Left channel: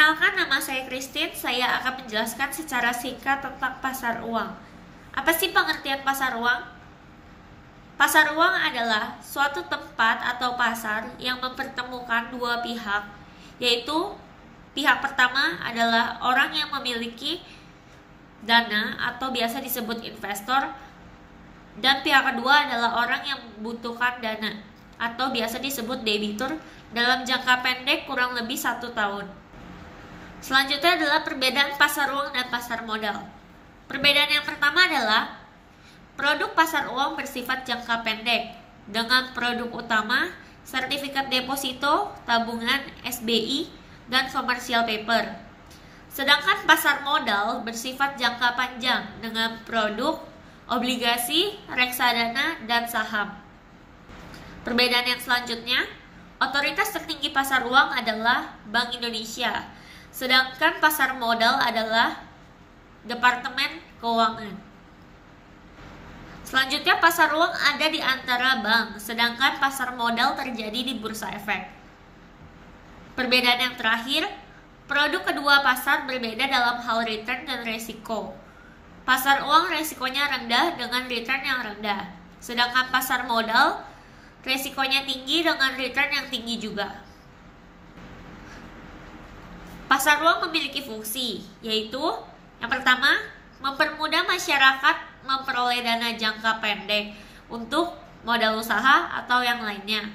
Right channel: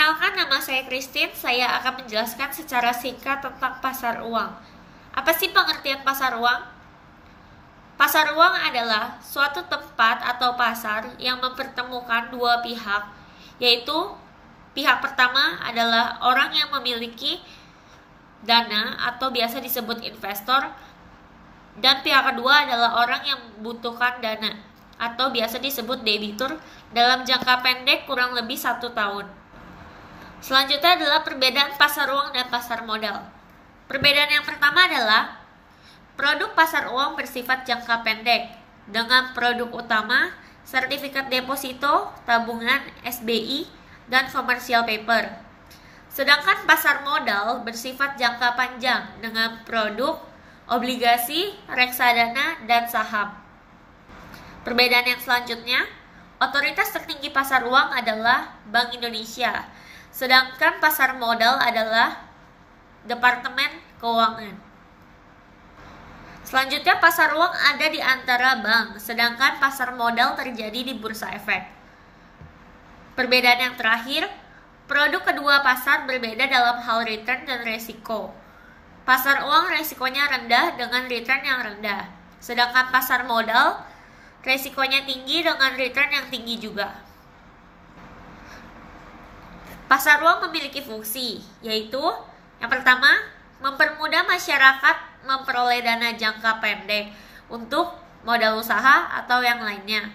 Perkenalkan, nama saya Christine. Saya akan menjelaskan secara singkat tentang pasar uang. Apa sih pengertian pasar uang? Pasar uang adalah suatu tempat atau pasar yang mempertemukan dua pihak, yaitu pihak pertama adalah orang yang memiliki dana atau biasa disebut investor, dan pihak kedua adalah orang yang membutuhkan dana atau biasa disebut debitur dalam jangka pendek kurang lebih 1 tahun. Selanjutnya adalah perbedaan pasar uang dan pasar modal. Perbedaan yang pertama adalah produk pasar uang bersifat jangka pendek dengan produk utama sertifikat deposito, tabungan, SBI, dan commercial paper. Sedangkan pasar modal bersifat jangka panjang dengan produk obligasi, reksadana, dan saham. Perbedaan yang selanjutnya, otoritas tertinggi pasar uang adalah Bank Indonesia. Sedangkan pasar modal adalah Departemen Keuangan. Selanjutnya, pasar uang ada di antara bank, sedangkan pasar modal terjadi di bursa efek. Perbedaan yang terakhir, produk kedua pasar berbeda dalam hal return dan resiko. Pasar uang resikonya rendah dengan return yang rendah, sedangkan pasar modal resikonya tinggi dengan return yang tinggi juga. Pasar uang memiliki fungsi, yaitu yang pertama, mempermudah masyarakat memperoleh dana jangka pendek untuk modal usaha atau yang lainnya.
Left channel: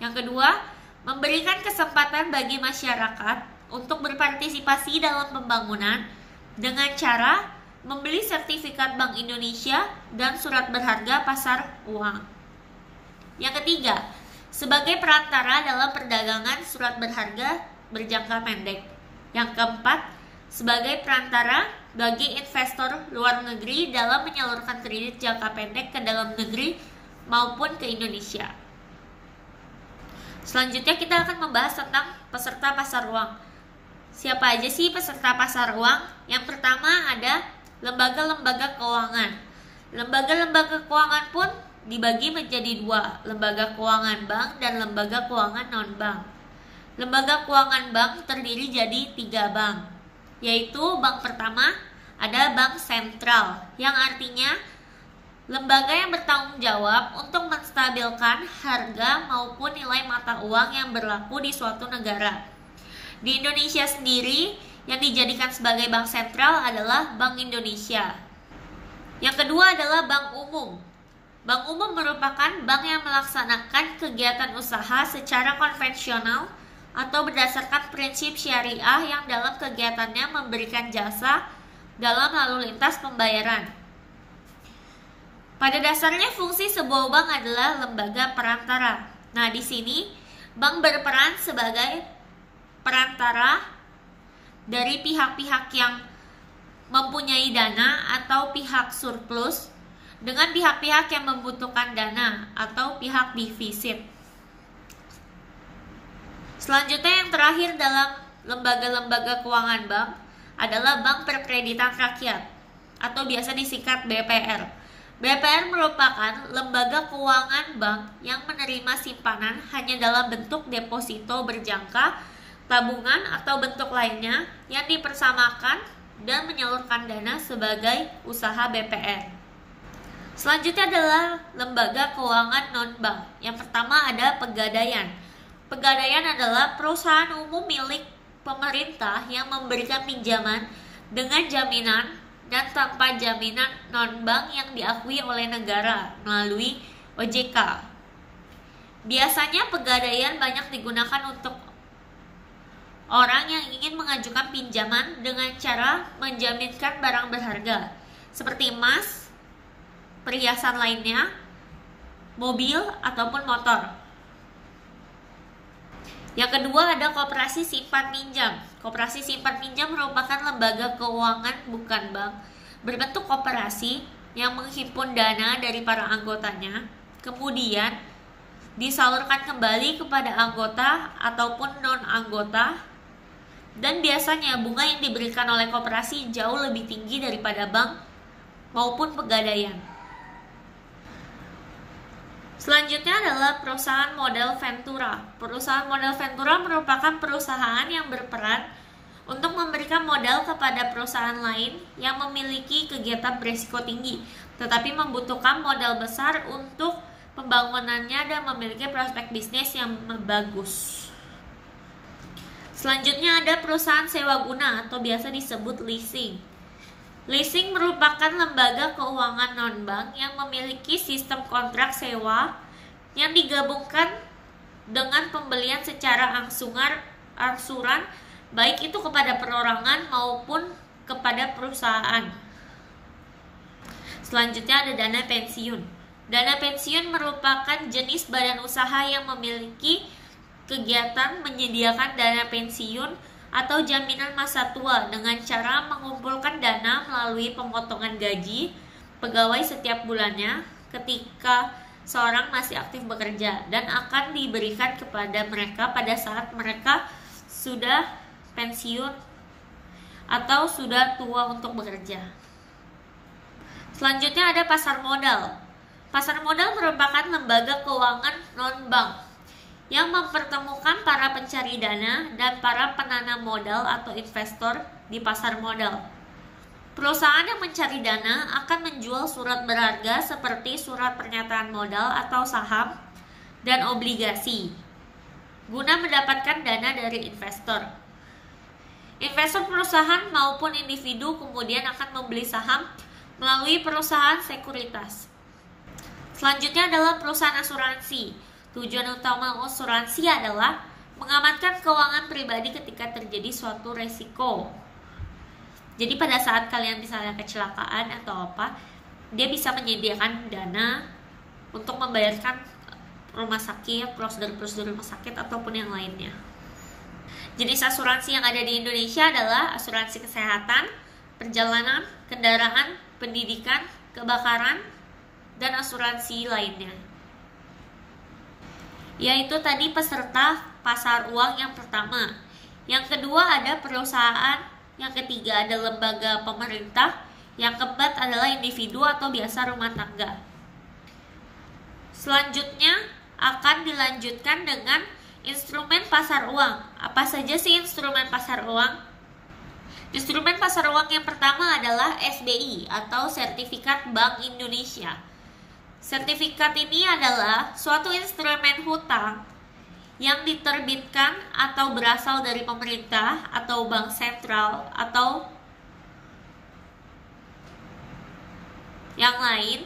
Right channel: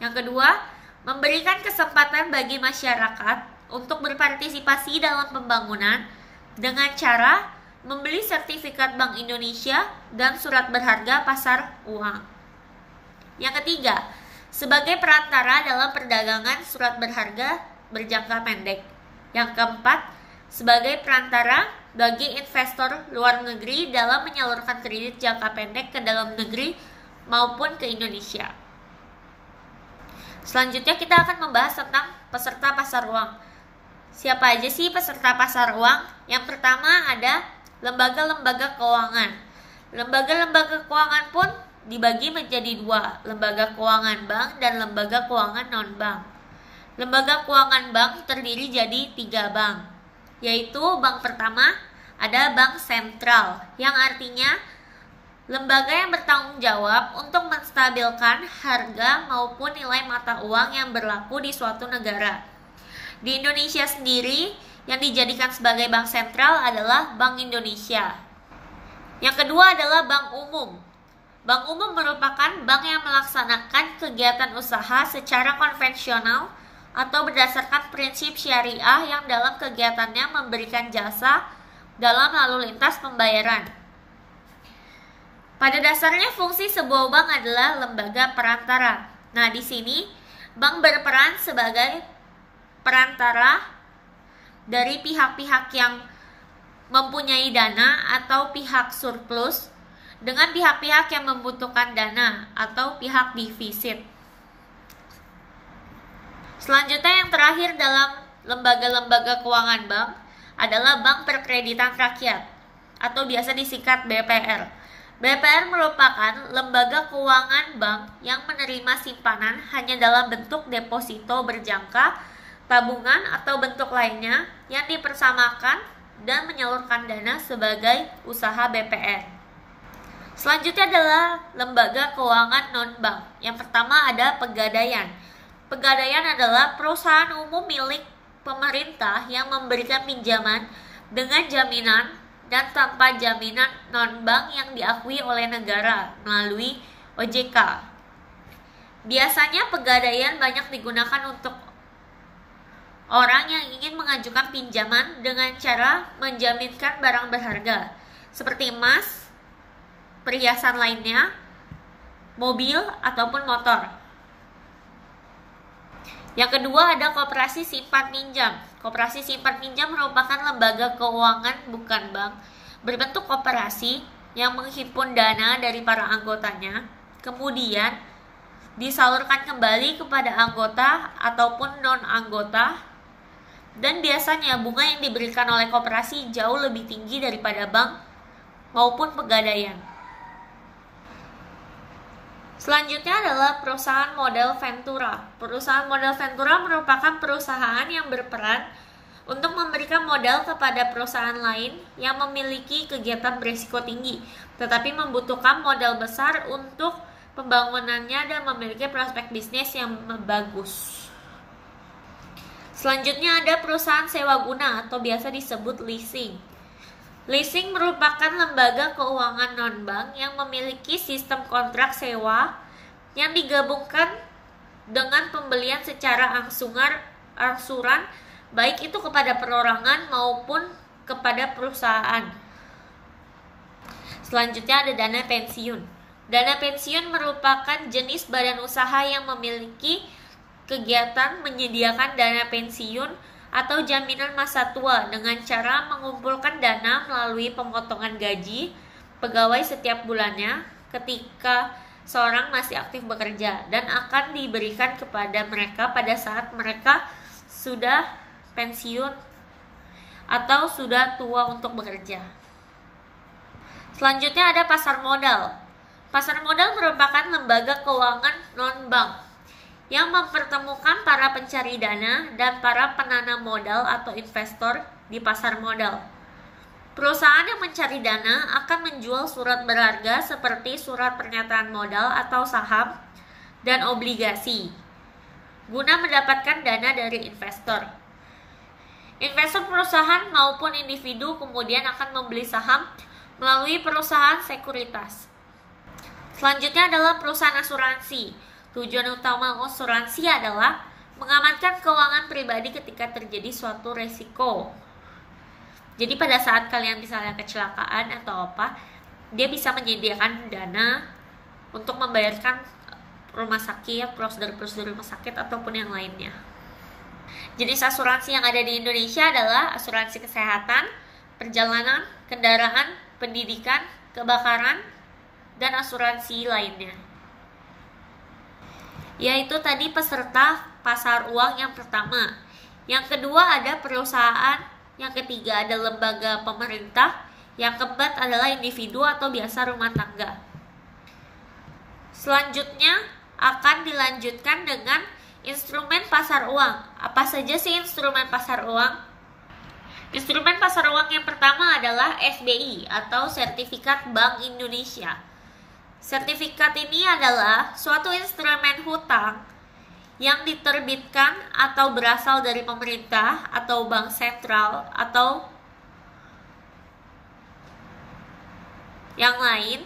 Yang kedua, memberikan kesempatan bagi masyarakat untuk berpartisipasi dalam pembangunan dengan cara membeli sertifikat Bank Indonesia dan surat berharga pasar uang. Yang ketiga, sebagai perantara dalam perdagangan surat berharga berjangka pendek. Yang keempat, sebagai perantara bagi investor luar negeri dalam menyalurkan kredit jangka pendek ke dalam negeri maupun ke Indonesia. Selanjutnya kita akan membahas tentang peserta pasar uang. Siapa aja sih peserta pasar uang? Yang pertama ada lembaga-lembaga keuangan. Lembaga-lembaga keuangan pun dibagi menjadi dua, lembaga keuangan bank dan lembaga keuangan non-bank. Lembaga keuangan bank terdiri jadi 3 bank, yaitu bank pertama ada bank sentral, yang artinya lembaga yang bertanggung jawab untuk menstabilkan harga maupun nilai mata uang yang berlaku di suatu negara. Di Indonesia sendiri, yang dijadikan sebagai bank sentral adalah Bank Indonesia. Yang kedua adalah bank umum. Bank umum merupakan bank yang melaksanakan kegiatan usaha secara konvensional atau berdasarkan prinsip syariah yang dalam kegiatannya memberikan jasa dalam lalu lintas pembayaran. Pada dasarnya fungsi sebuah bank adalah lembaga perantara. Nah, di sini bank berperan sebagai perantara dari pihak-pihak yang mempunyai dana atau pihak surplus dengan pihak-pihak yang membutuhkan dana atau pihak defisit. Selanjutnya yang terakhir dalam lembaga-lembaga keuangan bank adalah Bank Perkreditan Rakyat atau biasa disingkat BPR. BPR merupakan lembaga keuangan bank yang menerima simpanan hanya dalam bentuk deposito berjangka, tabungan atau bentuk lainnya yang dipersamakan dan menyalurkan dana sebagai usaha BPR. Selanjutnya adalah lembaga keuangan non-bank. Yang pertama ada Pegadaian. Pegadaian adalah perusahaan umum milik pemerintah yang memberikan pinjaman dengan jaminan dan tanpa jaminan non-bank yang diakui oleh negara melalui OJK. Biasanya Pegadaian banyak digunakan untuk orang yang ingin mengajukan pinjaman dengan cara menjaminkan barang berharga seperti emas, perhiasan lainnya, mobil, ataupun motor. Yang kedua ada Koperasi Simpan Pinjam. Koperasi Simpan Pinjam merupakan lembaga keuangan bukan bank berbentuk koperasi yang menghimpun dana dari para anggotanya, kemudian disalurkan kembali kepada anggota ataupun non-anggota, dan biasanya bunga yang diberikan oleh koperasi jauh lebih tinggi daripada bank maupun pegadaian. Selanjutnya adalah perusahaan model Ventura. Perusahaan model Ventura merupakan perusahaan yang berperan untuk memberikan modal kepada perusahaan lain yang memiliki kegiatan berisiko tinggi, tetapi membutuhkan modal besar untuk pembangunannya dan memiliki prospek bisnis yang bagus. Selanjutnya ada perusahaan sewa guna atau biasa disebut leasing. Leasing merupakan lembaga keuangan non-bank yang memiliki sistem kontrak sewa yang digabungkan dengan pembelian secara angsuran baik itu kepada perorangan maupun kepada perusahaan. Selanjutnya ada dana pensiun. Dana pensiun merupakan jenis badan usaha yang memiliki kegiatan menyediakan dana pensiun atau jaminan masa tua dengan cara mengumpulkan dana melalui pemotongan gaji pegawai setiap bulannya ketika seorang masih aktif bekerja dan akan diberikan kepada mereka pada saat mereka sudah pensiun atau sudah tua untuk bekerja. Selanjutnya ada pasar modal. Pasar modal merupakan lembaga keuangan non-bank yang mempertemukan para pencari dana dan para penanam modal atau investor di pasar modal. Perusahaan yang mencari dana akan menjual surat berharga seperti surat pernyataan modal atau saham dan obligasi guna mendapatkan dana dari investor. Investor perusahaan maupun individu kemudian akan membeli saham melalui perusahaan sekuritas. Selanjutnya adalah perusahaan asuransi. Tujuan utama asuransi adalah mengamankan keuangan pribadi ketika terjadi suatu resiko. Jadi pada saat kalian misalnya kecelakaan atau apa, dia bisa menyediakan dana untuk membayarkan rumah sakit, prosedur-prosedur rumah sakit ataupun yang lainnya. Jenis asuransi yang ada di Indonesia adalah asuransi kesehatan, perjalanan, kendaraan, pendidikan, kebakaran, dan asuransi lainnya. Yaitu tadi peserta pasar uang yang pertama. Yang kedua ada perusahaan, yang ketiga ada lembaga pemerintah, yang keempat adalah individu atau biasa rumah tangga. Selanjutnya akan dilanjutkan dengan instrumen pasar uang. Apa saja sih instrumen pasar uang? Instrumen pasar uang yang pertama adalah SBI atau Sertifikat Bank Indonesia. Sertifikat ini adalah suatu instrumen hutang yang diterbitkan atau berasal dari pemerintah atau bank sentral atau yang lain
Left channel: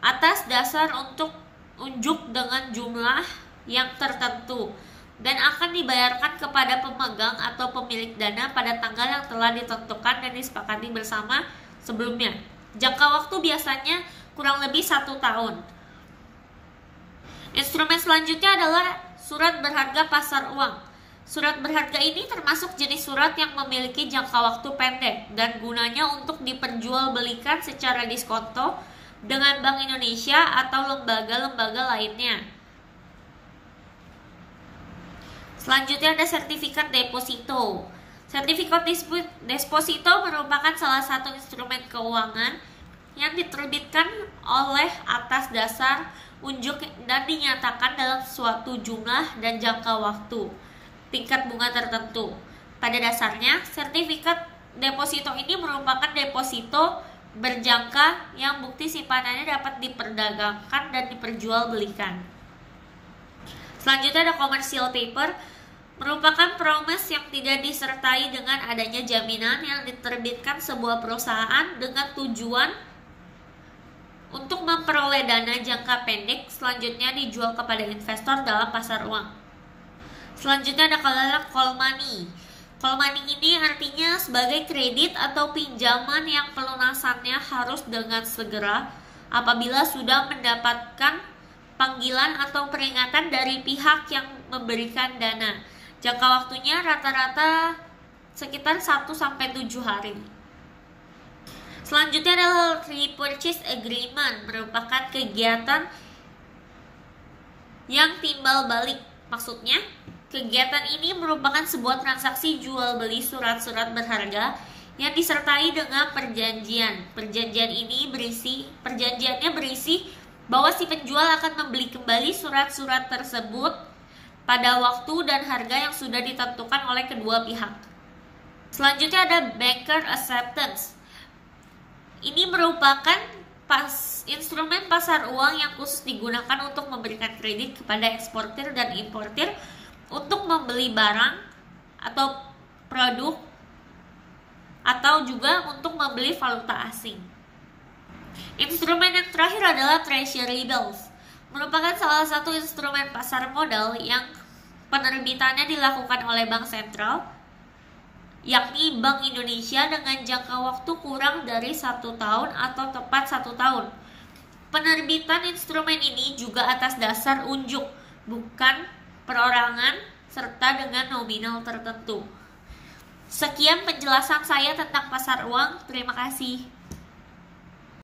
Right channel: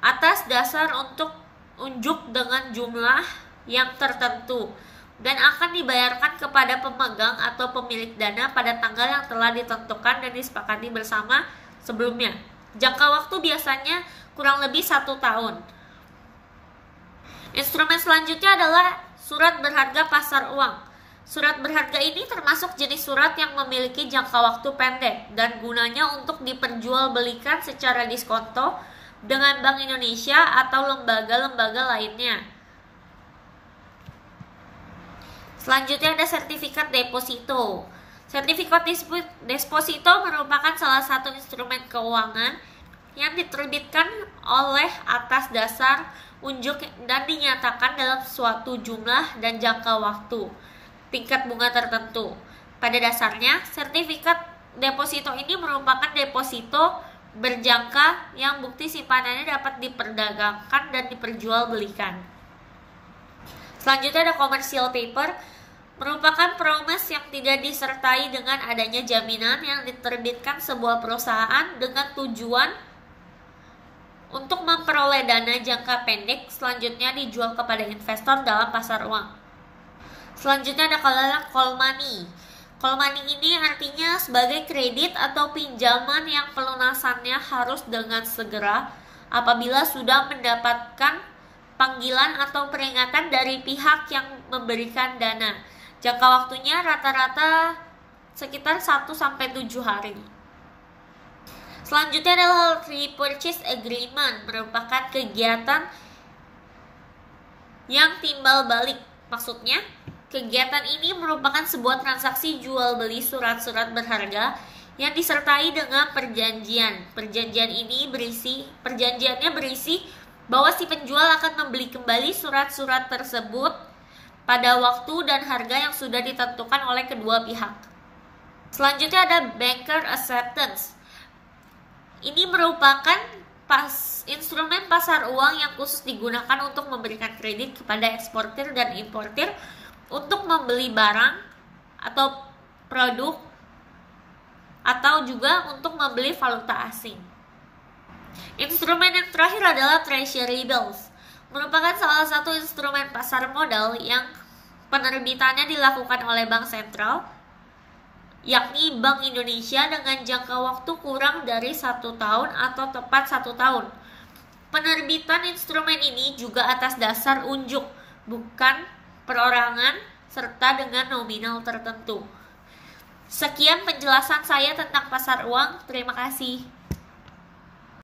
atas dasar untuk unjuk dengan jumlah yang tertentu dan akan dibayarkan kepada pemegang atau pemilik dana pada tanggal yang telah ditentukan dan disepakati bersama sebelumnya. Jangka waktu biasanya kurang lebih 1 tahun. Instrumen selanjutnya adalah surat berharga pasar uang. Surat berharga ini termasuk jenis surat yang memiliki jangka waktu pendek dan gunanya untuk diperjualbelikan secara diskonto dengan Bank Indonesia atau lembaga-lembaga lainnya. Selanjutnya ada sertifikat deposito. Sertifikat deposito merupakan salah satu instrumen keuangan yang diterbitkan oleh atas dasar unjuk dan dinyatakan dalam suatu jumlah dan jangka waktu, tingkat bunga tertentu. Pada dasarnya, sertifikat deposito ini merupakan deposito berjangka yang bukti simpanannya dapat diperdagangkan dan diperjualbelikan. Selanjutnya ada commercial paper, merupakan promise yang tidak disertai dengan adanya jaminan yang diterbitkan sebuah perusahaan dengan tujuan untuk memperoleh dana jangka pendek selanjutnya dijual kepada investor dalam pasar uang. Selanjutnya ada call money. Call money ini artinya sebagai kredit atau pinjaman yang pelunasannya harus dengan segera apabila sudah mendapatkan panggilan atau peringatan dari pihak yang memberikan dana. Jangka waktunya rata-rata sekitar 1-7 hari. Selanjutnya adalah repurchase agreement, merupakan kegiatan yang timbal balik. Maksudnya, kegiatan ini merupakan sebuah transaksi jual beli surat-surat berharga yang disertai dengan perjanjian. Perjanjiannya berisi bahwa si penjual akan membeli kembali surat-surat tersebut pada waktu dan harga yang sudah ditentukan oleh kedua pihak. Selanjutnya ada banker acceptance. Ini merupakan instrumen pasar uang yang khusus digunakan untuk memberikan kredit kepada eksportir dan importir untuk membeli barang atau produk atau juga untuk membeli valuta asing. Instrumen yang terakhir adalah treasury bills. Merupakan salah satu instrumen pasar modal yang penerbitannya dilakukan oleh Bank Sentral, yakni Bank Indonesia, dengan jangka waktu kurang dari 1 tahun atau tepat 1 tahun. Penerbitan instrumen ini juga atas dasar unjuk, bukan perorangan, serta dengan nominal tertentu. Sekian penjelasan saya tentang pasar uang. Terima kasih.